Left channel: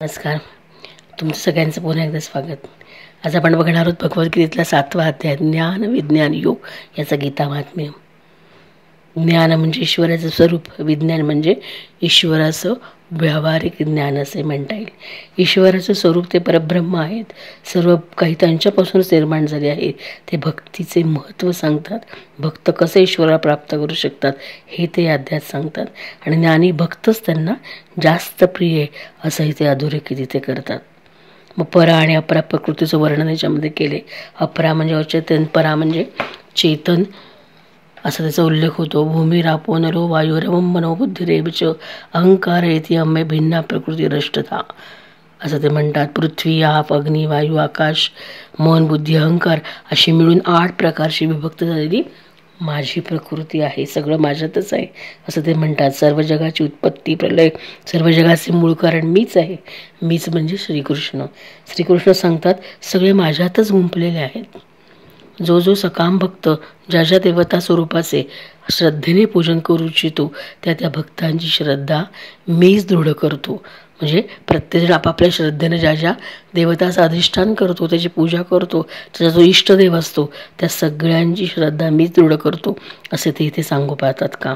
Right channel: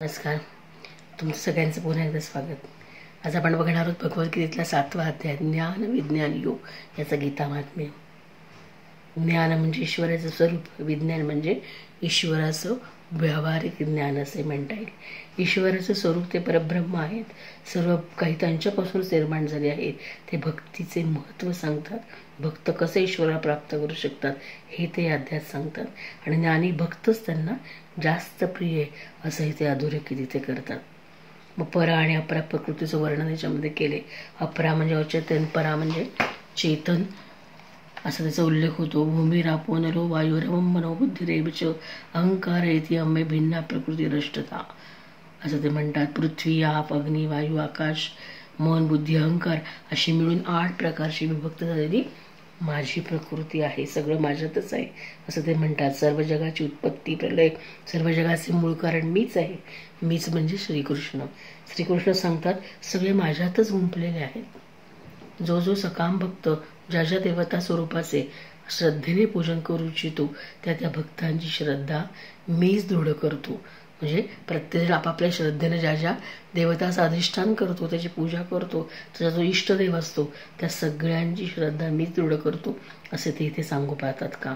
नमस्कार. तुमचं सगळ्यांचं पुन्हा एकदा स्वागत. आज आपण बघणार आहोत भगवद्गीतेतला 7वा अध्याय ज्ञान विज्ञान योग याचा गीता महात्म्य. ज्ञान म्हणजे ईश्वराचं स्वरूप, विज्ञान म्हणजे ईश्वराचं व्यावहारिक ज्ञान असे म्हणता येईल. ईश्वराचं स्वरूप ते परब्रह्म आहेत, सर्व काही त्यांच्यापासूनच निर्माण झाले आहे. ते भक्तीचे महत्त्व सांगतात, भक्त कसे ईश्वराला प्राप्त करू शकतात हे ते अध्यायात सांगतात. आणि ज्ञानी भक्तच त्यांना जास्त प्रिय असंही ते अधोरेखित इथे करतात. मग परा आणि अपरा प्रकृतीचं वर्णन याच्यामध्ये केले. अपरा म्हणजे अचेतन, परा म्हणजे चेतन असा त्याचा उल्लेख होतो. भूमी रापो नरो वायुरवम मनोबुद्धिरेच अहंकार येते अम्मे भिन्ना प्रकृती रष्टता असं ते म्हणतात. पृथ्वी, आप, अग्नी, वायू, आकाश, मन, बुद्धी, अहंकार अशी मिळून 8 प्रकारची विभक्त झालेली माझी प्रकृती आहे. सगळं माझ्यातच आहे असं ते म्हणतात. सर्व जगाची उत्पत्ती, प्रलय, सर्व जगाचे मूळ कारण मीच आहे. मीच म्हणजे श्रीकृष्ण. श्रीकृष्ण सांगतात सगळे माझ्यातच गुंपलेले आहेत. जो जो सकाम भक्त ज्या ज्या देवता स्वरूपाचे श्रद्धेने पूजन करू इच्छितो त्या त्या भक्तांची श्रद्धा मीच दृढ करतो. म्हणजे प्रत्येकजण आपापल्या श्रद्धेने ज्या ज्या देवताचं अधिष्ठान करतो, त्याची पूजा करतो, त्याचा जो इष्टदेव असतो त्या सगळ्यांची श्रद्धा मीच दृढ करतो असे ते इथे सांगू पाहतात का.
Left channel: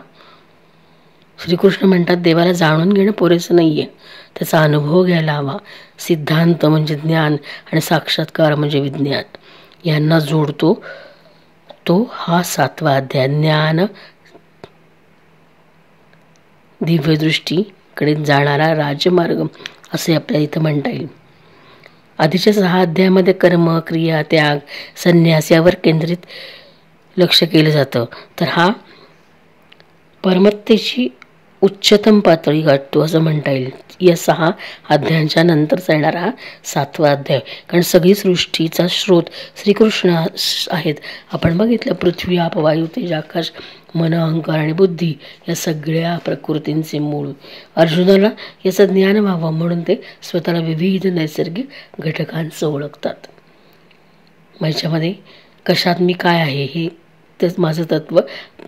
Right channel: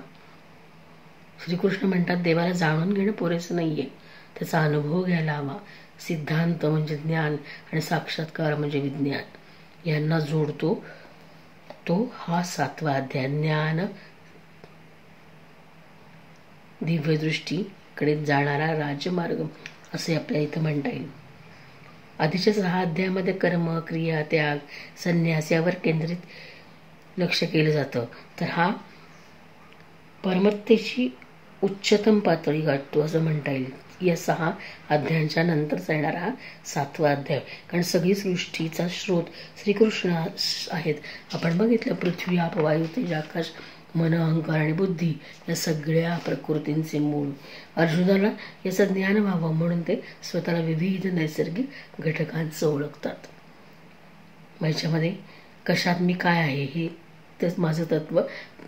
श्रीकृष्ण म्हणतात देवाला जाणून घेणं पुरेसं नाही आहे, त्याचा अनुभव घ्यायला हवा. सिद्धांत म्हणजे ज्ञान आणि साक्षात्कार म्हणजे विज्ञान यांना जोडतो तो हा 7वा अध्याय. ज्ञान दिव्यदृष्टीकडे जाणारा राजमार्ग असे आपल्याला इथं म्हणता येईल. आधीच्या 6 अध्यायामध्ये कर्म, क्रिया, त्याग, संन्यास यावर केंद्रित लक्ष केलं जातं. तर हा परमत्तेची उच्चतम पातळी गाठतो असं म्हणता येईल. या 6 अध्यायांच्या नंतरचा येणारा हा 7वा अध्याय. कारण सगळी सृष्टीचा स्रोत श्रीकृष्ण आहेत. आपण बघितलं पृथ्वी, आप, वायू, तेज, आकाश, मन, अहंकार आणि बुद्धी या सगळ्या प्रकृतींचे मूळ. अर्जुनाला याचं ज्ञान व्हावं म्हणून ते स्वतःला विविध नैसर्गिक घटकांचं ओळखतात. ह्याच्यामध्ये कशात मी काय आहे हे तेच माझं तत्त्व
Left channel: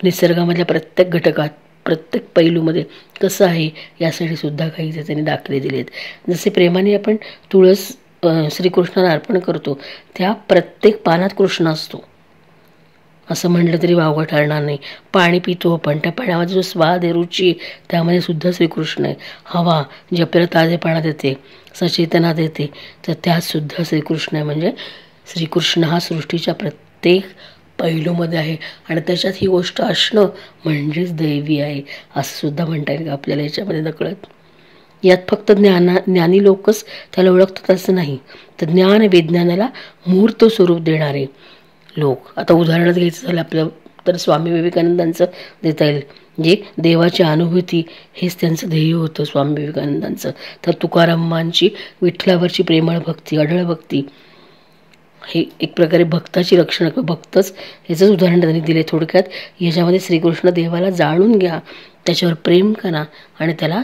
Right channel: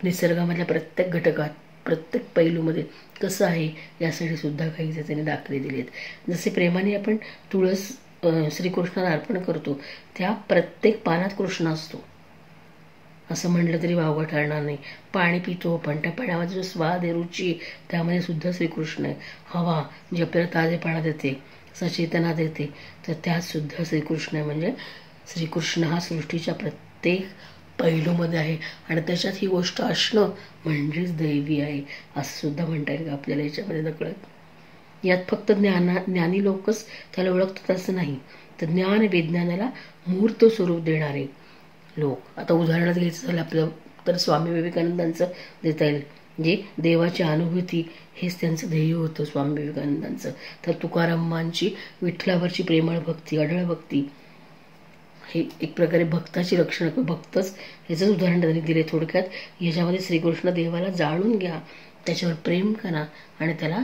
निसर्गामधल्या प्रत्येक घटकात, प्रत्येक पैलूमध्ये कसं आहे यासाठी सुद्धा काही त्यांनी दाखले दिलेत. जसे प्रेमाने आपण तुळस श्रीकृष्णाला अर्पण करतो, त्या प्रत्येक पानात कृष्ण असतो असं म्हटलं तरी वावगं ठरणार नाही. पाणी पितो आपण, त्या पाण्यामध्ये जो स्वाद आहे, रुची आहे, त्यामध्ये सुद्धा श्रीकृष्ण आहे. हवा जी आपल्याला ताजेपणा देते, सचेतना देते, तर त्यात सुद्धा श्रीकृष्ण आहे. म्हणजे श्रीकृष्ण हा सृष्टीच्या प्रत्येक पैलूमध्ये आहे आणि त्याच्यात ही गोष्ट असणं म्हणजेच दैवी आहे असं सुद्धा म्हणता येईल आपल्याला याच्यामध्ये नकळत. यात फक्त ज्ञानी लोकच त्याला ओळखतात असं नाही, तर ज्ञान विज्ञानाला मूर्त स्वरूप देणारे लोक. आता उदाहरणच घ्यायचं झालं आपलं तर स्वामी विवेकानंदांचं देता येईल. जे देवाची अनुभूती हेच त्यांचं ध्येय होतं स्वामी विवेकानंदांचं. तर तुकारामांची विठ्ठलावरची प्रेमळ भक्ती, अढळ भक्ती हे एक प्रकारे भक्ताची लक्षणं किंवा भक्तच ह्याचंच उदाहरण त्यांनी दिले. थोडक्यात याच्यामध्ये श्रीकृष्ण देवाला जाणून घ्या, त्याच्यावर प्रेम करा आणि त्याला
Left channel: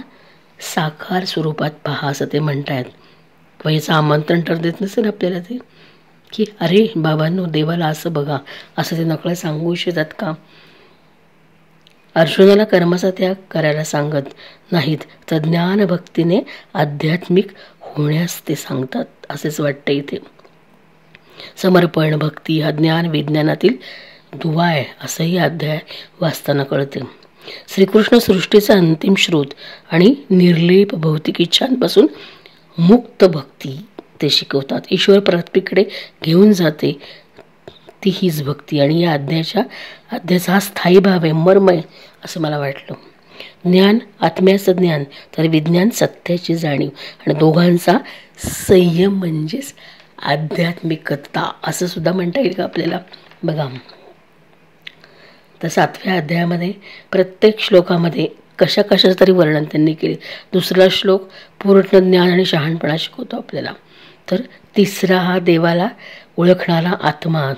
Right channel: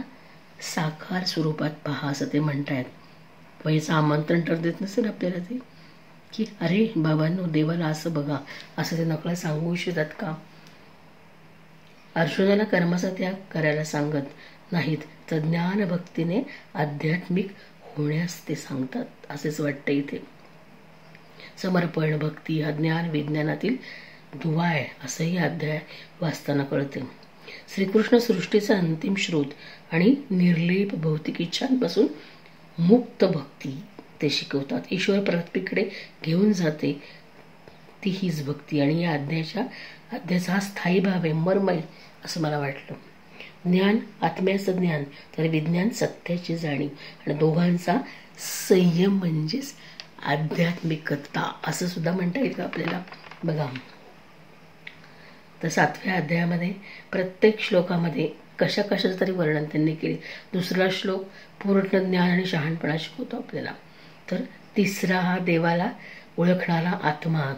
साकार स्वरूपात पहा असं ते म्हणतायत. व याचं आमंत्रण तर देत नसेल आपल्याला ते की अरे बाबांनो देवाला असं बघा असं ते नकळत सांगू इच्छितात का. अर्जुनाला कर्माचा त्याग करायला सांगत नाहीत, तर ज्ञानभक्तीने आध्यात्मिक होण्यास ते सांगतात असेच वाटतं इथे. समर्पण भक्ती हा ज्ञान विज्ञानातील दुवा आहे असंही अध्याय वाचताना कळते. श्रीकृष्ण सृष्टीचा अंतिम स्रोत आणि निर्लेप भौतिक इच्छांपासून मुक्त भक्ती ते शिकवतात. ईश्वर पृथ्वीकडे घेऊन जाते ती हीच भक्ती. आणि या अध्यायाचा हा स्थायी भाव आहे, मर्म आहे असं मला वाटलं. ज्ञान आत्म्याचं ज्ञान, तर विज्ञान सत्याची जाणीव आणि दोघांचा संयम म्हणजेच आध्यात्मिकता असं सुद्धा म्हणता येईल का आपल्याला. बघा तर 7व्या अध्यायामध्ये प्रत्येक श्लोकामध्ये कशा कशाचं तरी वर्णन त्यांनी केले. 2रा श्लोक पूर्ण ज्ञान आणि शहाणपणा शिकवतो आपल्याला. तर 3रा हा देवाला ओळखणारा आत्मा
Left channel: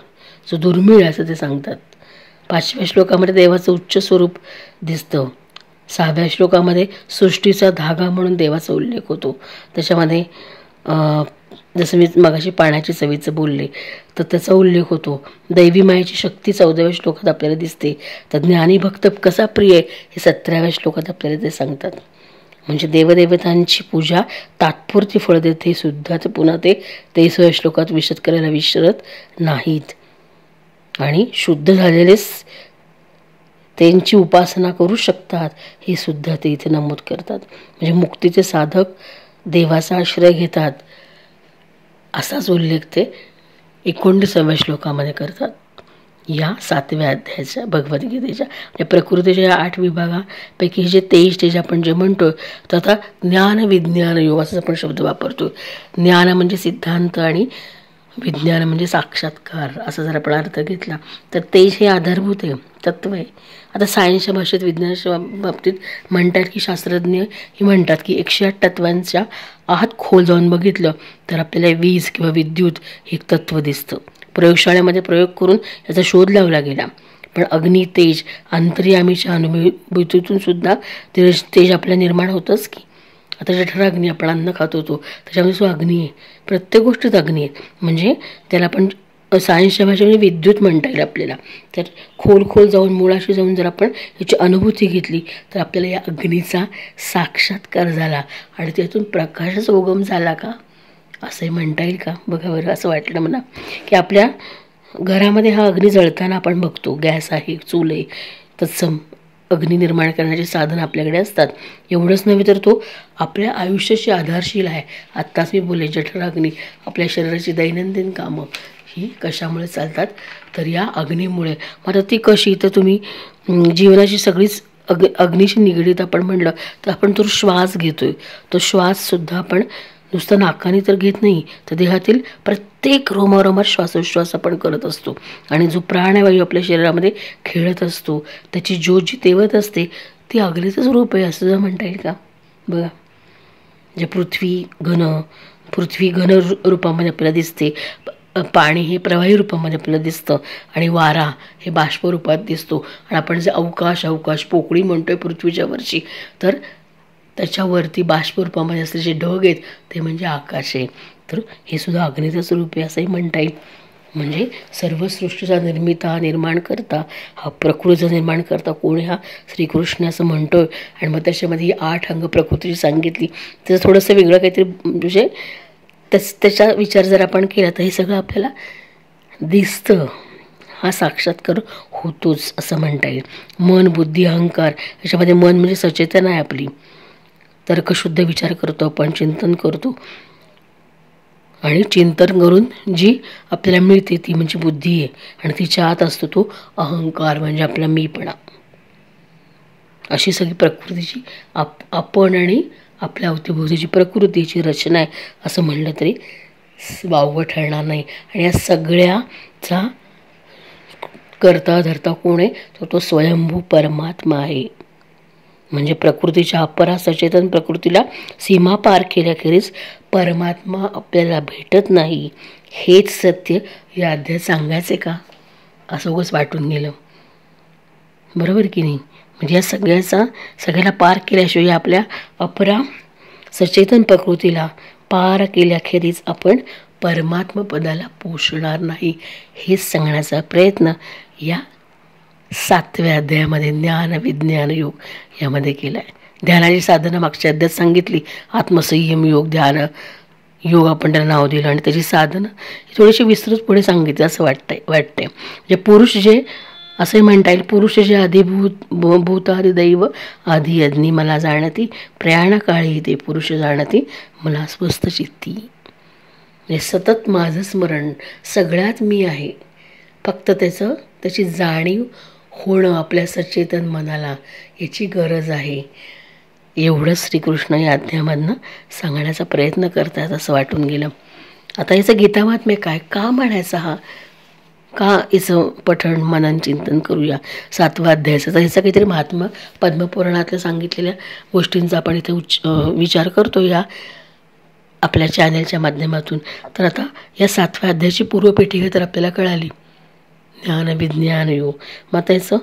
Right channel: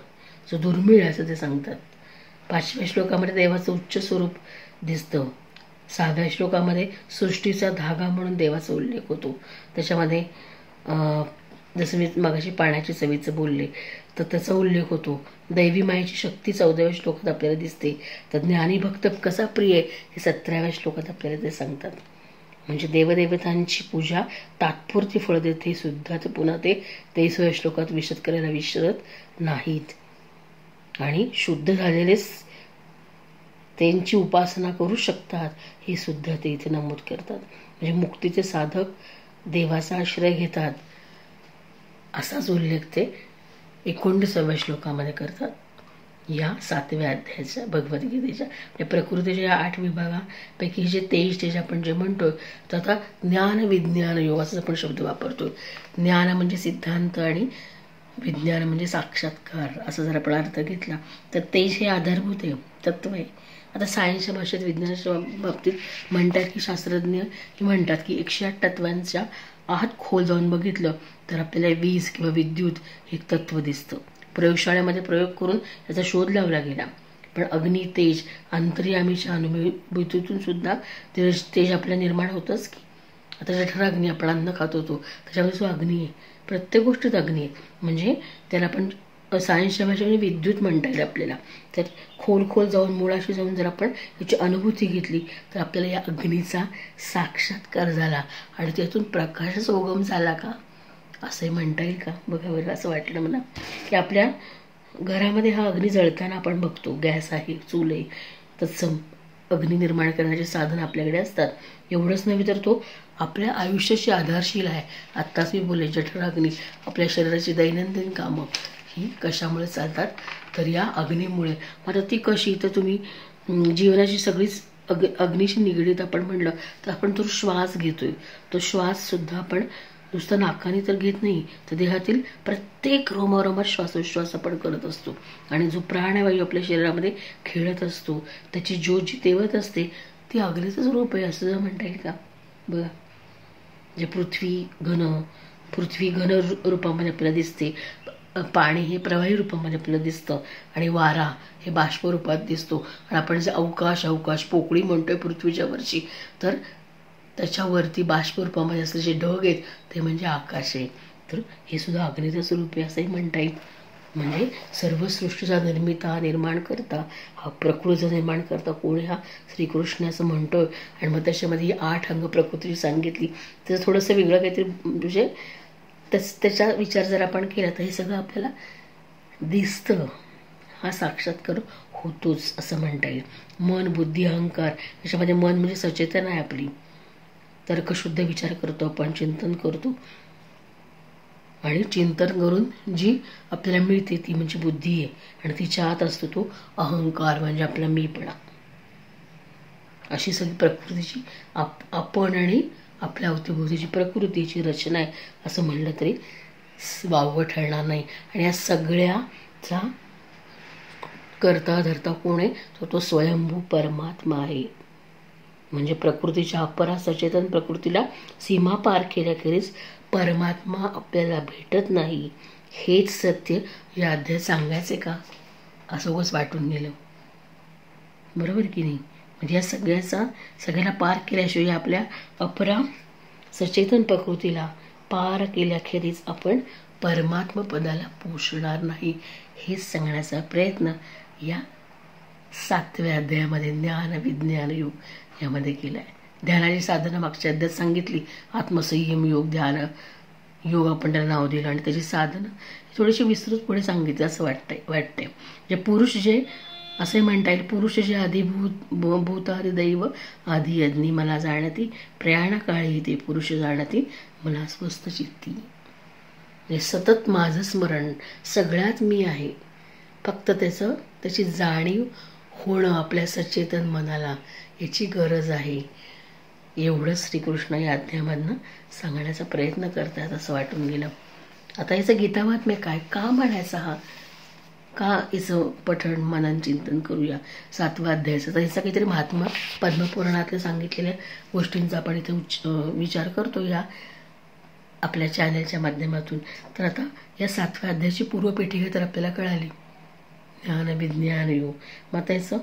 जो दुर्मिळ असं ते सांगतात. 5व्या श्लोकामध्ये देवाचं उच्च स्वरूप दिसतं. 6व्या श्लोकामध्ये सृष्टीचा धागा म्हणून देवाचा उल्लेख होतो. त्याच्यामध्ये जसं मी मगाशी पाण्याची चवीचं बोलले तर त्याचा उल्लेख होतो. दैवी मायेची शक्ती 14व्या श्लोकात आपल्याला दिसते. तर ज्ञानी भक्त कसा प्रिय आहे हे 17व्या श्लोकात आपल्याला ते सांगतात. म्हणजे देवदेवतांची पूजा तात्पुरती फळ देते सुद्धा, तर पुन्हा ते 23व्या श्लोकात विशद करायला विसरत नाहीत. आणि शुद्ध झालेलेच त्यांची उपासना करू शकतात हे सुद्धा ते इथे नमूद करतात. म्हणजे मुक्तीचे साधक देवाचा आश्रय घेतात असाच उल्लेख ते 29व्या श्लोकामध्ये करतात या 7व्या अध्यायाच्या भगवद्गीतेच्या. म्हणजे प्रकृतीच्या या 8 विभागापैकी जे 23 तेज आपण जे म्हणतो, तर आता ज्ञान विज्ञान योग असा आपण शब्द वापरतो. ज्ञान म्हणजे सिद्धांत आणि विज्ञान म्हणजे साक्षात्कार असा जर आपण अर्थ घेतला तर तेज हे आधारभूत आहे, तत्व आहे. आता सायन्सच्या भाषेत विज्ञानाच्या बाबतीत म्हणतात की शास्त्रज्ञ ही म्हणतात की 108 तत्वांच्या आत खोल जाऊन बघितलं तर आपल्याला वीज किंवा विद्युत हे एक तत्व दिसतं. प्रयोगशाळेमध्ये प्रयोग करून याचा शोध लावला गेला, पण अग्नी तेज अंतर्यामीच्या अनुभूतीतून सुद्धा तेज आपल्या निर्माण होतंच की. आता जठराग्नी आपण अन्न खातो तो त्याच्यामध्ये जो अग्नी आहे, प्रत्येक गोष्टीत अग्नी आहे. म्हणजे त्याला आपण सायन्सच्या भाषेमध्ये विद्युत म्हणता येईल आपल्याला. तर खोल जाऊन मुळाशी जाऊन जर आपण याची अनुभूती घेतली तर आपल्याला या अग्नीचा साक्षात्कार झाला आणि त्यातून प्रकाशाचा उगम झाला का असंही म्हणता येईल का. बघा बरं, असं वाटलं मला की आपल्या घरामध्ये हा अग्नी जळताना आपण बघतो, गॅस आहे, चूल आहे, तत्सम अग्नी निर्माण करण्याचे साधन आपल्याकडे असतात. एवढंच नव्हे तर तो आपल्या आयुष्याची आधारशील आहे. आत्ताच मी बोलले जठराग्नी आपल्या शरीराची दैनंदिन कामं ही कशामुळे चालतात, तर या अग्नीमुळे. आता ती कशी, तर तुम्ही जीवनाची सगळीच अग्नीशी निगडीत आपण म्हणलं तर आपण तो श्वास घेतोय, तो श्वाससुद्धा आपण नुसतं नाकाने तर घेत नाही, तर देहातील प्रत्येक रोमारोमात श्वासोश्वास आपण करत असतो. आणि जो प्राणवायू आपल्या शरीरामध्ये खेळत असतो त्याची ज्योत जी तेवत असते ती अग्नीचंच रूप आहे असं जर म्हणता येईल का. बघा, जे पृथ्वी घन रूपामध्ये आपल्याला दिसते, पाणी हे प्रवाही रूपामध्ये आपल्याला दिसतं आणि वारा हे बाष्प रूपात दिसतो. आणि आपण जे अवकाश पोकळी म्हणतोय पृथ्वीच्या वरची, तर त्याच्यावरती बाष्प रूपामध्ये असले जे ढग आहेत ते म्हणजे आकाश आहे. तर हे सुद्धा अग्नीचंच रूप आहे असंही म्हणता येईल. म्हणजे सर्व सृष्टीचा निर्माण करता, हा प्रकृतीचा निर्माण करता कोण, हा श्रीकृष्ण असं म्हणतोय. आणि मग त्याच्यामध्ये ही 8 अंग प्रकृतीची सांगितली. त्याचं थोडंसं वेगळं काहीतरी म्हणजे त्याचा विचार जर आपण केला तर हे सगळं आपल्याला दिसतं, हा साक्षात्कार होतोच असं म्हणता येईल. मन, बुद्धी, अहंकार याच्यामध्ये मन म्हणजे सचेतन आहे आपली, तर्कशुद्ध विचार करतो आपण, चिंतन करतो. आणि चिंतन करून जी आपल्याला मिळते ती म्हणजे बुद्धी आहे. आणि तिच्या आत असतो तो अहंकार म्हणजे आपला मीपणा. अशी सगळी प्रकृतीची आपण आणि आपल्या अवतीभोवतीची प्रकृतीची रचना आहे असं म्हणलं तरी वावगं ठरणार नाही. आणि या सगळ्याचा करता धरता कोण आहे, तर तो स्वयंभू परमात्मा आहे. म्हणजे प्रकृतीच्या अपरा सचेतन प्रकृतीला सीमा पार केल्याखेरीज परमात्मा आपल्याला भेटत नाही. हेच सत्य या अध्यायात सांगायचे का असं उगाच वाटून गेलं, बरोबर की नाही. म्हणजे या सगळ्याला पार केल्याशिवाय आपल्या अपरा सचेतन प्रकृतीला पार केल्याखेरीज आपण परमात्मा पदाला पोचणार नाही. हेच सांगण्याचा प्रयत्न या 7व्या अध्यायामध्ये ज्ञान विज्ञान योग यामध्ये केला आहे. ध्यानाची साधना मागच्या अध्यायात सांगितली, आत्मसंयम योग, ध्यान योग आपण त्याला नाव दिलं. आणि त्याची साधना थोडीशी विस्तृत पुढे सांगितली असं वाटते. म्हणजे पुरुष जे असे म्हणता येईल, पुरुष जे भूतादि दैव आधी अग्नी मला जाणती, प्रयाणकाळी ते पुरुष जाणती मला स्वस्थ चित्ती. म्हणजे सतत माझं स्मरण, सगळ्यात मी आहे, फक्त त्याची जाणीव होणं आपल्या सचेतन मनाला याची गरज आहे. एवढंच श्रीकृष्ण या अध्यायामधनं सांगण्याचा प्रयत्न करतात असं वाटून गेलं. आता याचं गीतामात्म्य काय, का म्हणायचं, हा का याचं पठण मनन चिंतन करूया 7व्या अध्यायाचं. तर ह्याचा काहीतरी महात्मा पद्मपुराणातल्या सांगितलेल्या गोष्टींचा आपण इथे विचार करतो या आपल्या चॅनलच्या माध्यमातून. तर आता या 7व्या अध्यायाची पूर्वपेटिका तर आपल्याला कळाली, ज्ञान विज्ञान योग. मग त्याचं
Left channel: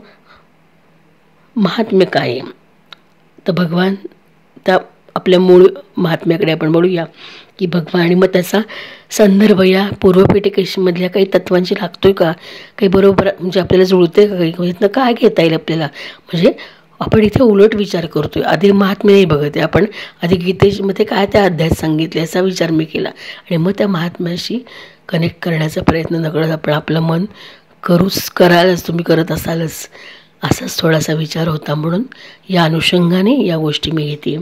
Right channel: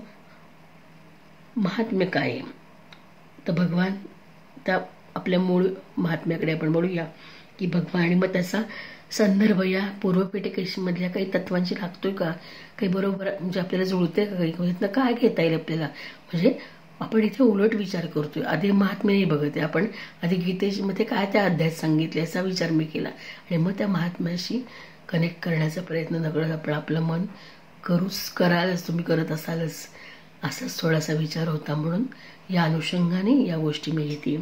महात्म्य काय आहे, तर भगवान त्या आपल्या मूळ महात्म्याकडे आपण बोलूया की भगवान. आणि मग त्याचा संदर्भ या पूर्वपेटिकेमधल्या काही तत्वांशी लागतोय का, काही बरोबर म्हणजे आपल्याला जुळते का, काही इथनं काय घेता येईल आपल्याला. म्हणजे आपण इथे उलट विचार करतोय. आधी महात्म्य नाही बघत आहे आपण, आधी गीतेमध्ये काय त्या अध्यायात सांगितले याचा विचार मी केला आणि मग त्या महात्म्याशी कनेक्ट करण्याचा प्रयत्न न करत आपण आपलं मन करालच, तुम्ही करत असालच असाच थोडासा विचार होता. म्हणून या अनुषंगाने या गोष्टी मी घेते.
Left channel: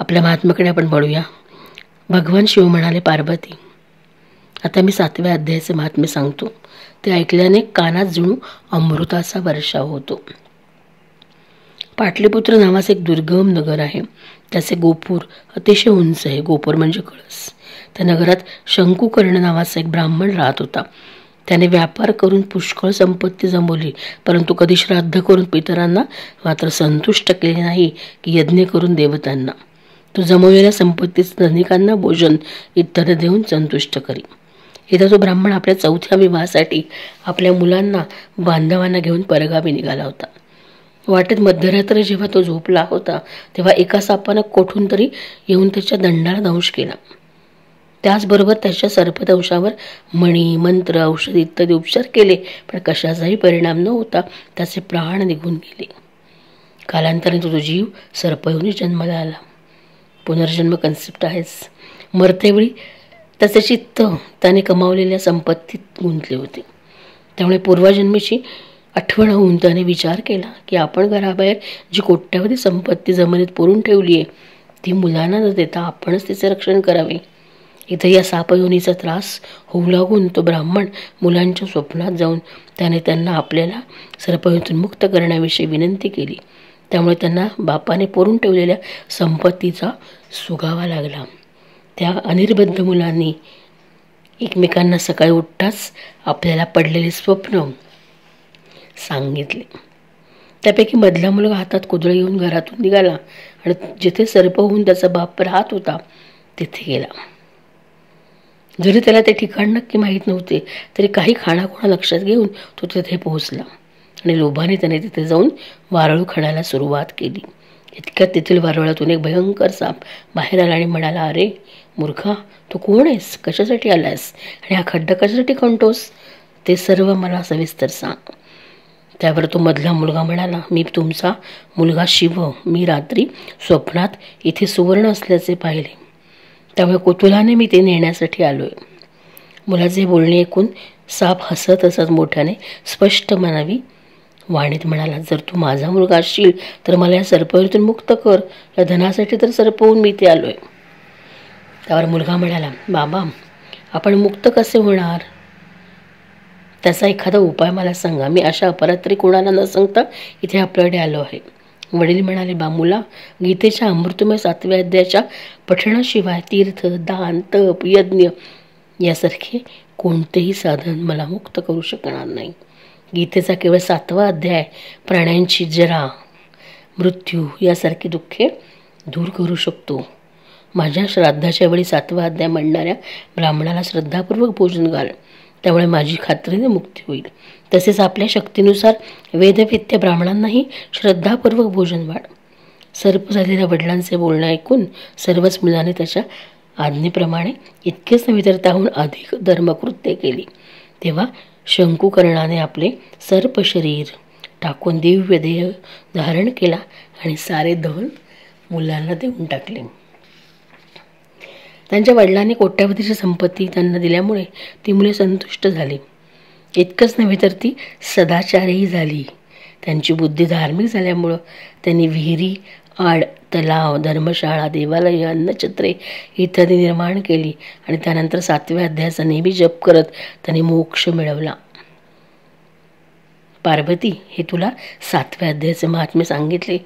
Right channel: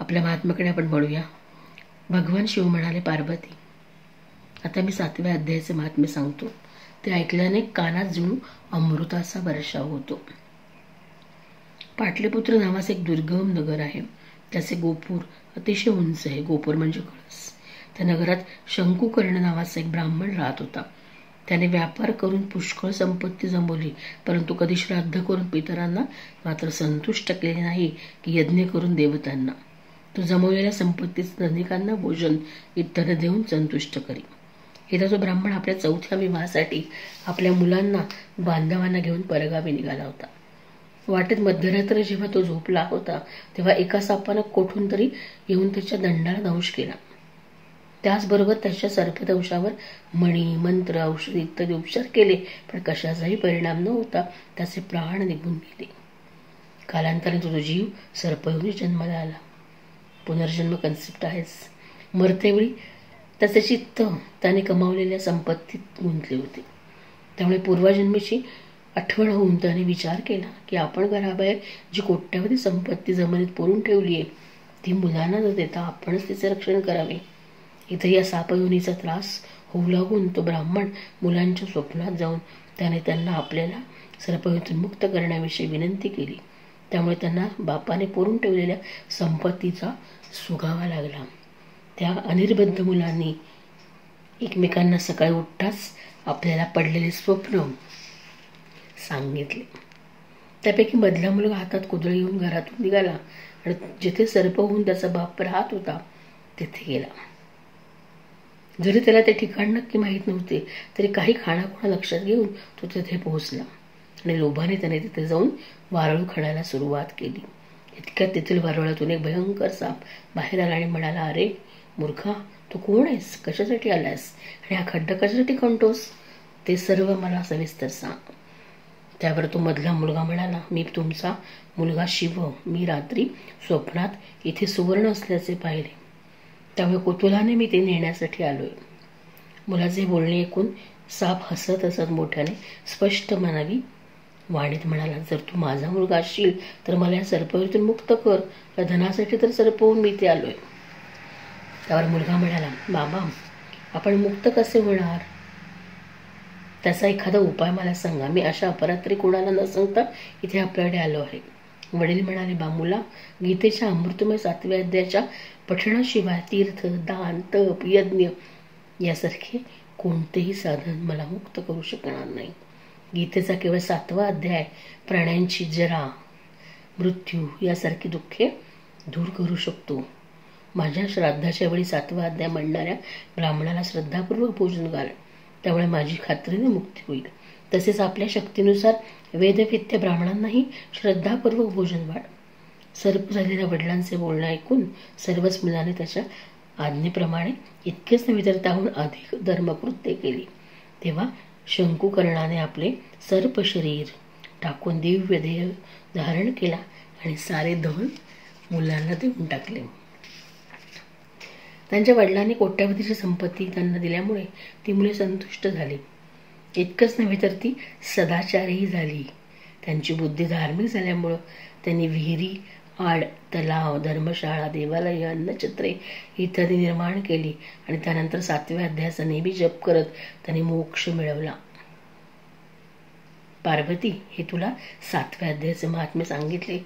आपल्या महात्म्याकडे आपण पडूया. भगवान शिव म्हणाले, पार्वती, आता मी 7व्या अध्यायाचे महात्म्य सांगतो. ते ऐकल्याने कानात जणू अमृताचा वर्षाव होतो. पाटलीपुत्र नावाचे एक दुर्गम नगर आहे. त्याचे गोपूर अतिशय उंच आहे. गोपूर म्हणजे कळस. त्या नगरात शंकुकर्ण नावाचा एक ब्राह्मण राहत होता. त्याने व्यापार करून पुष्कळ संपत्ती जमवली, परंतु कधी श्राद्ध करून पितरांना मात्र संतुष्ट केले नाही की यज्ञ करून देवतांना. तो जमवलेल्या संपत्तीच धनिकांना भोजन इत्यादी देऊन संतुष्ट करी. इथं तो ब्राह्मण आपल्या 4थ्या विवाहासाठी आपल्या मुलांना बांधवांना घेऊन परगावी निघाला होता. वाटेत मध्यरात्र जेव्हा तो झोपला होता तेव्हा एका सापानं कोठून तरी येऊन त्याच्या दंडाला दंश केला. त्याचबरोबर त्याच्या सर्पदंशावर मणी, मंत्र, औषध इत्यादी उपचार केले, पण कशाचाही परिणाम न होता त्याचे प्राण निघून गेले. कालांतराने तो जीव सर्पयोनी जन्माला आला. पुनर्जन्म कन्सेप्ट आहेच. मरतेवेळी त्याचे चित्त त्याने कमावलेल्या संपत्तीत गुंतले होते. त्यामुळे पूर्वजन्मीची आठवण होऊन त्याने विचार केला की आपण घराबाहेर जी कोट्यावधी संपत्ती जमिनीत पुरून ठेवली आहे ती मुलांना न देता आपणच तिचे रक्षण करावे. इथं या सापयोनीचा त्रास होऊ लागून तो ब्राह्मण मुलांच्या स्वप्नात जाऊन त्याने त्यांना आपल्याला सर्पयोनीतून मुक्त करण्याविषयी विनंती केली. त्यामुळे त्यांना बापाने पुरून ठेवलेल्या संपत्तीचा सुगावा लागला. त्या अनिर्बद्ध मुलांनी एकमेकांना सकाळी उठताच आपल्याला पडलेले स्वप्न सांगितले. त्यापैकी मधला मुलगा हातात कुदळ घेऊन घरातून निघाला आणि जिथे सर्प होऊन त्याचा बाप राहत होता तिथे गेला. जरी त्याला ते ठिकाण नक्की माहीत नव्हते तरी काही खाणाखुणा लक्षात घेऊन तो तिथे पोहोचला आणि लोभाने त्याने तिथे जाऊन वारळू खणायला सुरुवात केली. इतक्यात तेथील वारुळातून एक भयंकर साप बाहेर आला आणि म्हणाला, अरे मूर्खा, तू कोण आहेस? कशासाठी आलायस? आणि हा खड्डा कशासाठी खणतोस? ते सर्व मला सविस्तर सांग. त्यावर तो मधला मुलगा म्हणाला, मी तुमचा मुलगा शिव. मी रात्री स्वप्नात इथे सुवर्ण असल्याचे पाहिले, त्यामुळे कुतूहलाने मी ते नेण्यासाठी आलोय. मुलाचे बोलणे ऐकून साप हसत हसत मोठ्याने स्पष्ट म्हणावी वाणीत म्हणाला, जर तू माझा मुलगा असशील तर मला या सर्पयोनीतून मुक्त कर. या धनासाठी तर सर्प होऊन मी इथे आलोय. त्यावर मुलगा म्हणाला, बाबा, आपण मुक्त कसे होणार? त्याचा एखादा उपाय मला सांगा. मी अशा अपरात्री कोणाला न सांगता इथे आपल्याकडे आलो आहे. वडील म्हणाले, मुला, गीतेच्या अमृतमय 7व्या अध्यायाच्या पठणाशिवाय तीर्थ, दान, तप, यज्ञ यासारखे कोणतेही साधन मला मुक्त करू शकणार नाही. गीतेचा केवळ 7वा अध्याय प्राण्यांची जरा, मृत्यू यासारखी दुःखे दूर करू शकतो. माझ्या श्राद्धाच्या वेळी 7वा अध्याय म्हणणाऱ्या ब्राह्मणाला श्रद्धापूर्वक भोजन घाल, त्यामुळे माझी खात्रीने मुक्ती होईल. तसेच आपल्या शक्तीनुसार वेदवित्य ब्राह्मणांनाही श्रद्धापूर्वक भोजन वाढ. सर्प झालेल्या वडिलांचे बोलणे ऐकून सर्वच मुलाने त्याच्या आज्ञेप्रमाणे इतकेच नव्हे तर त्याहून अधिक धर्मकृत्ये केली. तेव्हा शंकुकर्णाने आपले सर्प शरीर टाकून दिव्य देह धारण केला आणि सारे धन मुलांना देऊन टाकले. त्यांच्या वडिलांनी कोट्यावधीची संपत्ती त्यांना दिल्यामुळे ती मुले संतुष्ट झाली. इतकंच नव्हे तर ती सदाचारही झाली. त्यांची बुद्धी धार्मिक झाल्यामुळं त्यांनी विहिरी, आड, तलाव, धर्मशाळा, देवालय, अन्नछत्रे इत्यादी निर्माण केली आणि त्यानंतर 7व्या अध्यायाचा नेहमी जप करत त्यांनी मोक्ष मिळवला. पार्वती, हे तुला 7व्या अध्यायाचे महात्म्य सांगितले.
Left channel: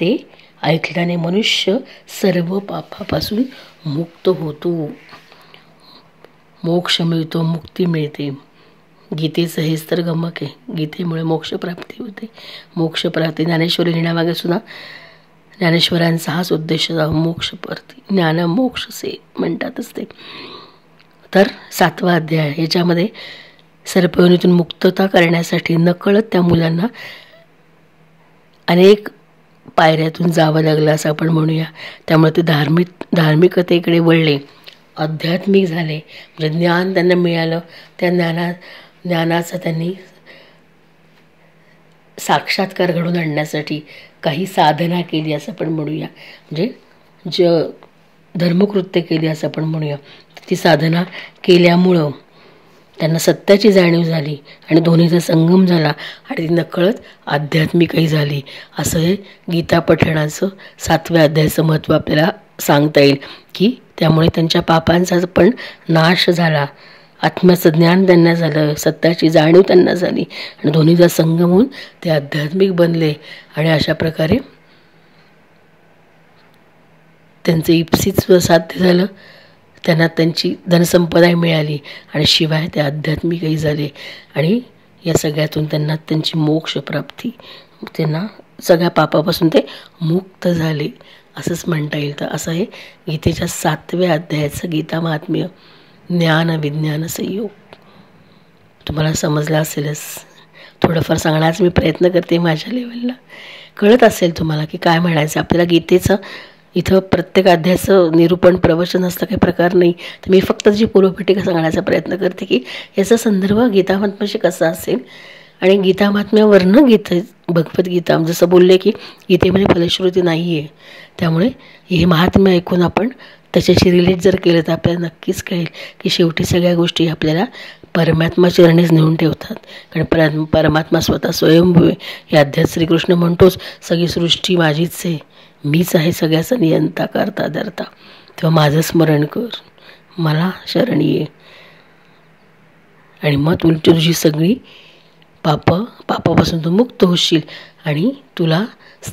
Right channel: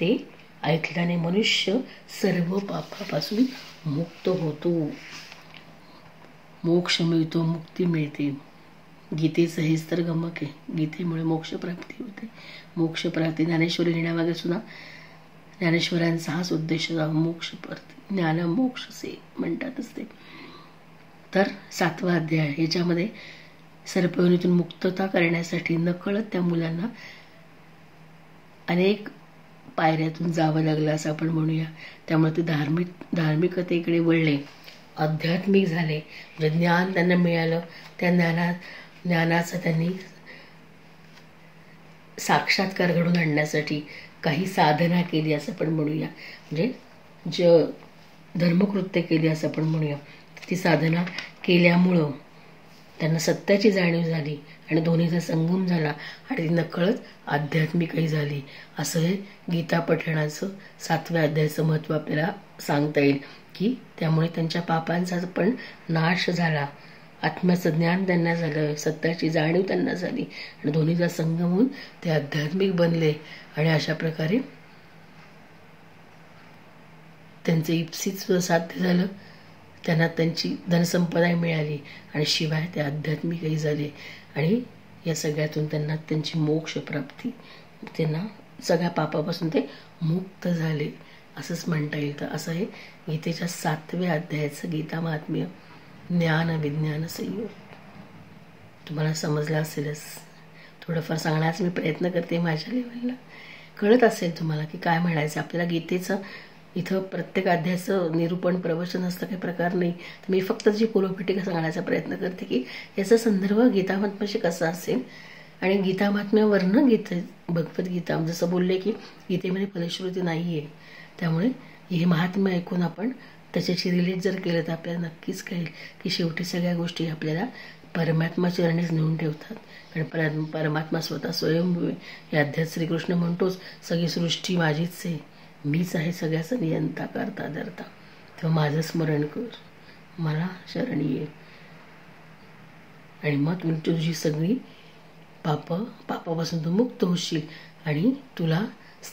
ते ऐकल्याने मनुष्य सर्व पापापासून मुक्त होतो, मोक्ष मिळतो, मुक्ती मिळते. गीतेचं हेच तर गमक आहे. गीतेमुळे मोक्षप्राप्ती होते. मोक्षप्राप्ती ज्ञानेश्वरी लिहिण्यामागे सुद्धा ज्ञानेश्वरांचा हाच उद्देश, मोक्षप्राप्ती, ज्ञान मोक्ष से म्हणतातच ते. तर 7वा अध्याय याच्यामध्ये सर्पयोनीतून मुक्तता करण्यासाठी नकळत त्या मुलांना अनेक पायऱ्यातून जावं लागलं असं आपण म्हणूया. त्यामुळे ते धार्मिकतेकडे वळले, आध्यात्मिक झाले. म्हणजे ज्ञान त्यांना मिळालं. त्या ज्ञानाचा त्यांनी साक्षात्कार घडवून आणण्यासाठी काही साधना केली असं आपण म्हणूया, म्हणजे धर्मकृत्य केली असं आपण म्हणूया. ती साधना केल्यामुळं त्यांना सत्याची जाणीव झाली आणि दोन्हीचा संगम झाला आणि ती नकळत आध्यात्मिकही झाली. असं हे गीता पठणाचं 7व्या अध्यायाचं महत्त्व आपल्याला सांगता येईल, की त्यामुळे त्यांच्या पापांचा पण नाश झाला, आत्म्याचं ज्ञान त्यांना झालं, सत्याची जाणीव त्यांना झाली आणि दोन्हीचा संगम होऊन ते आध्यात्मिक बनले आणि अशा प्रकारे त्यांचं इप्सित साध्य झालं. त्यांना त्यांची धनसंपदा मिळाली आणि शिवाय ते आध्यात्मिकही झाले आणि या सगळ्यातून त्यांना त्यांची मोक्षप्राप्ती, त्यांना सगळ्या पापापासून ते मुक्त झाले असंच म्हणता येईल. तर असं हे गीतेच्या 7व्या अध्यायाचं गीता महात्म्य ज्ञान विज्ञान संयोग तुम्हाला समजलं असेलच. थोडंफार सांगण्याचा मी प्रयत्न करते माझ्या लेवलला. कळत असेल तुम्हाला की काय म्हणायचं आपल्याला. गीतेचं इथं प्रत्येक अध्यायाचं निरूपण प्रवचन असतं काही प्रकार नाही, तर मी फक्त जी पूर्वपीठिका सांगण्याचा प्रयत्न करते की याचा संदर्भ गीता महात्म्याशी कसा असेल आणि गीता महात्म्यावरनं भगवद्गीता जसं बोलले की गीतेमध्ये फलश्रुती नाही आहे, त्यामुळे हे महात्म्य ऐकून आपण त्याच्याशी रिलेट जर केलं तर आपल्याला नक्कीच कळेल की शेवटी सगळ्या गोष्टी आपल्याला परमात्मा चरणीच नेऊन ठेवतात. कारण परमात्मा स्वतः स्वयंभू आहे. हे अध्यात श्रीकृष्ण म्हणतोच, सगळी सृष्टी माझीच आहे, मीच आहे सगळ्याचा नियंता करता धरता, तेव्हा माझं स्मरण कर, मला शरण ये आणि मग तुझी सगळी पापापासून तू मुक्त होशील आणि तुला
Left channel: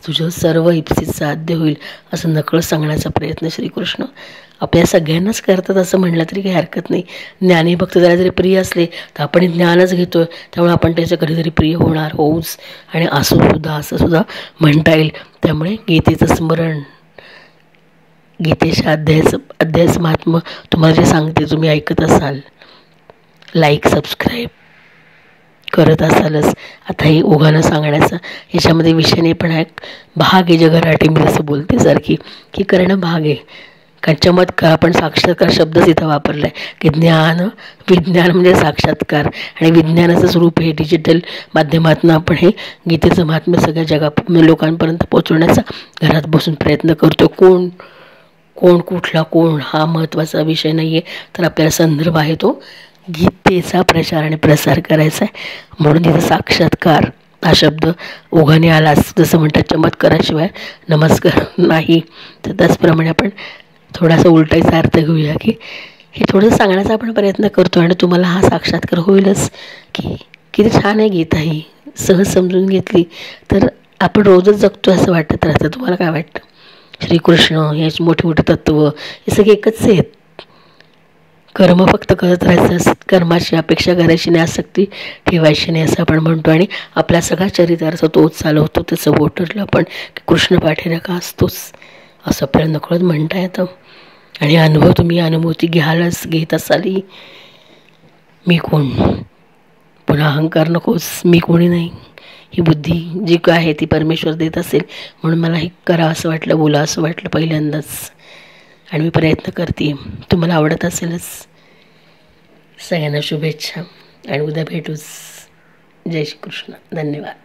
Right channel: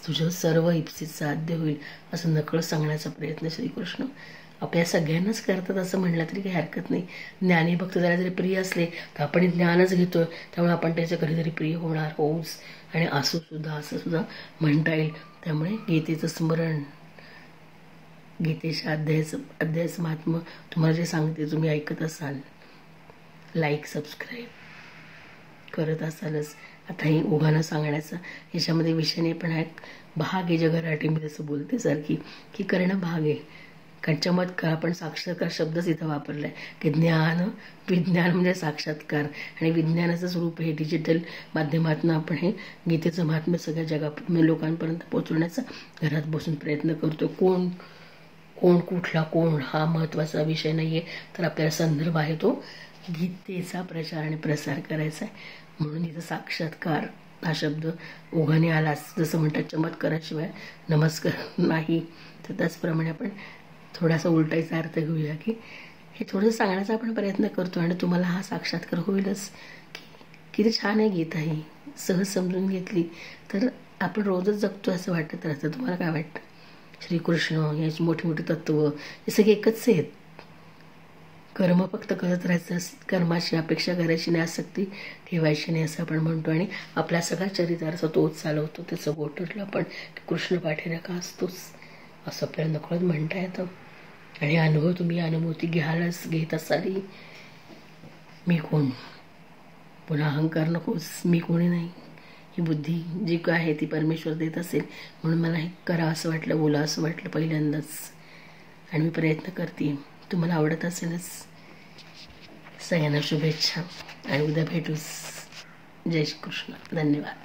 तुझं सर्व इप्सित साध्य होईल, असं नकळत सांगण्याचा प्रयत्न श्रीकृष्ण आपल्या सगळ्यांनाच करतात असं म्हटलं तरी काही हरकत नाही. ज्ञानी भक्त त्याला जरी प्रिय असले तर आपण ज्ञानच घेतो, त्यामुळे आपण त्याच्या कधीतरी प्रिय होऊच आणि असं सुद्धा म्हणता येईल. त्यामुळे गीतेचं स्मरण, गीतेच्या अध्यायाचं महात्म्य तुम्हाला जे सांगते तुम्ही ऐकत असाल, लाईक सबस्क्राईब करत असालच. आता हे ओघानं सांगण्याचा याच्यामध्ये विषयाने पण एक भाग आहे, जगराटी मी जसं बोलते सारखी की करणं भाग आहे. कारण चमत्कार आपण साक्षात्कार शब्दच इथं वापरला आहे की ज्ञान विज्ञान म्हणजे साक्षात्कार आणि विज्ञानाचं स्वरूप हे डिजिटल माध्यमातून आपण हे गीतेचं महात्म्य सगळ्या लोकांपर्यंत पोहोचवण्याचा घरात बसून प्रयत्न करतो. कोण हा महत्त्वाचा विषय नाही आहे, तर आपल्याला संदर्भ आहे तो गीतेचा प्रचार आणि प्रसार करायचा आहे. म्हणून तिथं साक्षात्कार हा शब्द ओघाने आलाच. जसं म्हणतात चमत्काराशिवाय नमस्कार नाही, तर त्याचप्रमाणे आपण थोडासा उलटायचा अर्थ घेऊया की हे थोडंसं सांगण्याचा आपण प्रयत्न करतो आणि तुम्हाला हा साक्षात्कार होईलच की किती छान आहे गीता. ही सहज समजून घेतली तर आपण रोजच जगतो असं वाटत राहतं. तुम्हाला काय वाटतं? श्रीकृष्ण हे मोठे तत्त्व हे सगळे एकच आहेत. कर्म फक्त करत राहायचं, कर्माची अपेक्षा करायची नाही, आसक्ती ठेवायची नाही असं आपण म्हणतो आणि आपला सगळा चरितार्थ तोच चालवतो. त्याचं बोटरला पण कृष्ण पाठीराखा असतोच असं आपल्याला नकळत म्हणता येतं. आणि अनुभव तुम्ही अनुभूती घेत असाल. मी कोण, पुन्हा अहंकार नकोच, मी कोणी नाही, ही बुद्धी जी काय आहे ती परमेश्वर देत असेल म्हणून मला हे करा असं वाटलं, बोला असं वाटलं पहिल्यांदाच आणि मी प्रयत्न करते. तुम्हाला आवडत असेलच. सगळ्यांना शुभेच्छा आणि उद्या भेटूच. जय श्री कृष्ण. धन्यवाद.